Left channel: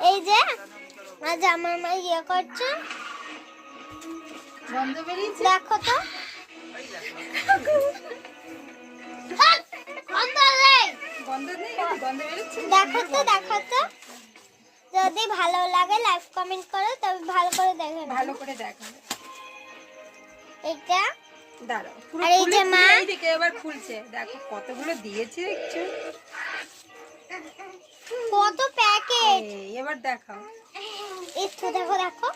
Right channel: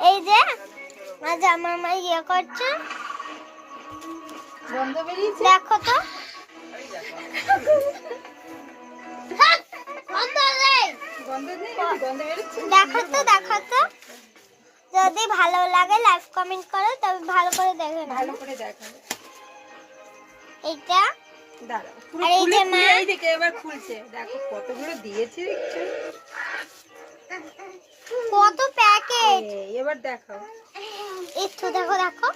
এই যে আজ আমার মা ইয়ে করছে, গন্ধ বেরিয়েছে। দেখো তো গন্ধ নেই, গন্ধ বেরোচ্ছে। দেখো তো যদি ভালো লাগে লাইক কমেন্ট করো, তবে ভালো করে দেখে নাও। ভালো করে দেখো। এইটা দাঁড়াও, পুরো আর এই খুলে যে মা খুলে এই দিকে এবার খুলছে। দেখো কতগুলো দিয়েছে একটু। কত প্যাকেট, এবার দেখাও। একটু দেখো দেখো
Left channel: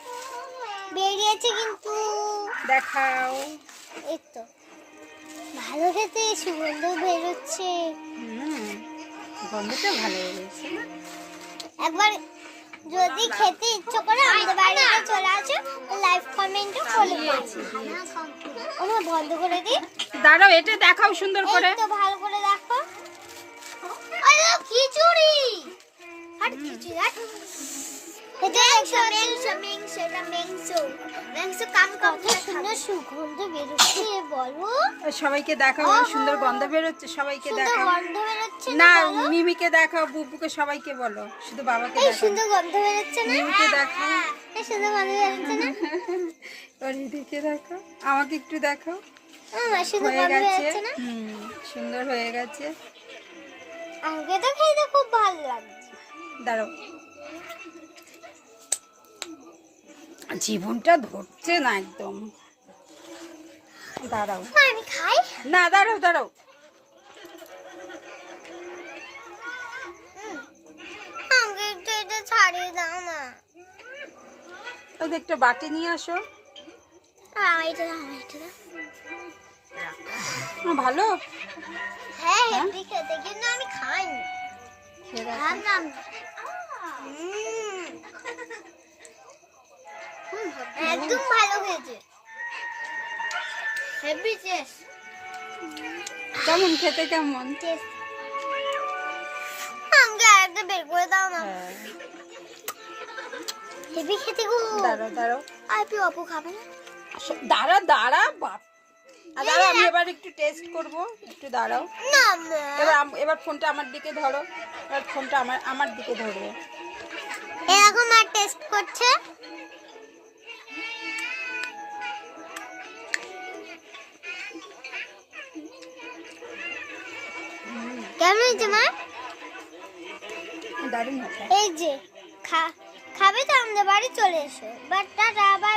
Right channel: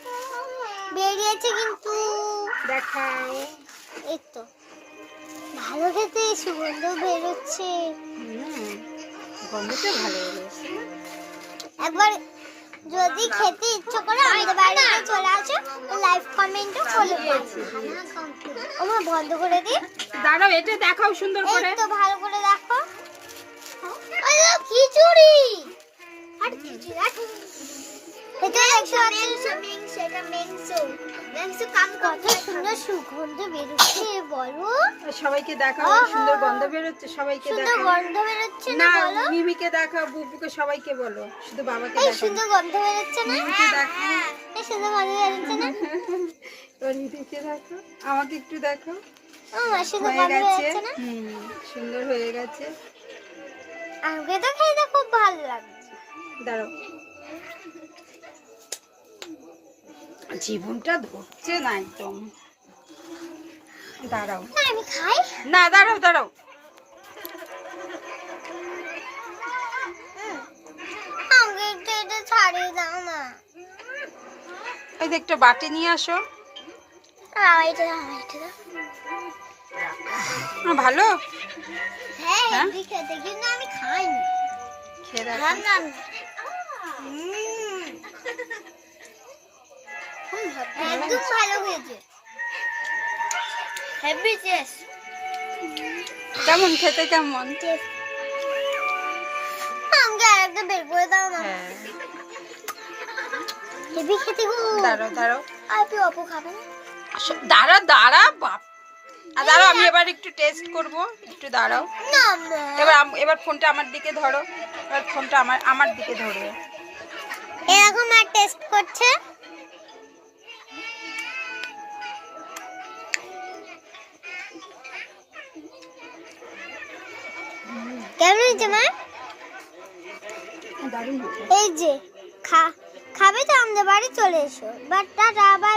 বেরিয়েছে কিন্তু, দেখাও। এই তো ভালো খেতে সুগন্ধ বেরোচ্ছে। গন্ধটা ভালো বেরিয়েছে। একবার যদি খেতে ইচ্ছে করে আমাদের বাড়িতে চলে আসো, লাইভ কমেন্টও ফলো করছি। আমার বন্ধ করে দিই। দাঁড়াও, এটা দেখাও সুন্দর এই করে। তো ভালো করে দেখো। আরে খিচুড়ি, আর খিচুড়ি এটা দেখতে পাচ্ছেন কত সুন্দর সুগন্ধ বেরোচ্ছে, বলো সবাইকে দেখাও, সুন্দর গন্ধ বেরোচ্ছে। সবাইকে সুন্দর দেখাও। গন্ধ বেরোচ্ছে না, না, বলো মিমিকে দেখাও, বুবুকে, সবাইকে বলো, শুধু বাবাকে এই দেখাও। সুন্দর গন্ধ বেরোচ্ছে না, মিমিকে দেখাও। এই সুন্দর গন্ধ বেরোচ্ছে না, আর এদিকে দেখাও, আমাকে একটু দেখাও। সুন্দর হয়ে গন্ধ গেছে। বেরোচ্ছে না। সুন্দর হয়ে গেছে। আমাকে তো খেতে খুব ভালো লাগছে। দাঁড়াও, জীবনটা ধরছে না একদম। দাঁড়াও, আমি খাই। না দাঁড়াও দাঁড়াও। আমাকে একটু এটা ছাড়িয়ে দাও না। ওই যে একটা বাটি নিয়ে আসো। এটা দাও, এটা দাও। ভালো হ্যাঁ হ্যাঁ? হেভি খেতে, কিন্তু আমি খাইনি। খেয়ে দেখো। খান না একদম ভালো হয়েছে, হেভি টেস্ট। কেমন খেতে, কেমন? আমাকে একটা বের করে দাও না। হ্যাঁ, হেভি খেতে গো। দাঁড়াও দাঁড়াও। আপনি অপু খাবেন? দাঁড়া দাঁড়া বাপ। দাঁড়াও, আমি এবার একটু টেস্ট করব, একটু দাঁড়াও। না মা। এবার ফোনটা আমার দিকে ধরো। এবার ফোনটা আমার দিকে ধরবে। এরকম আর টেস্ট করছে। কেমন হয়েছে মা? দারুণ হয়েছে। এই যে খাবে তো আমাদের বাড়ি চলে এসো। But tata, by.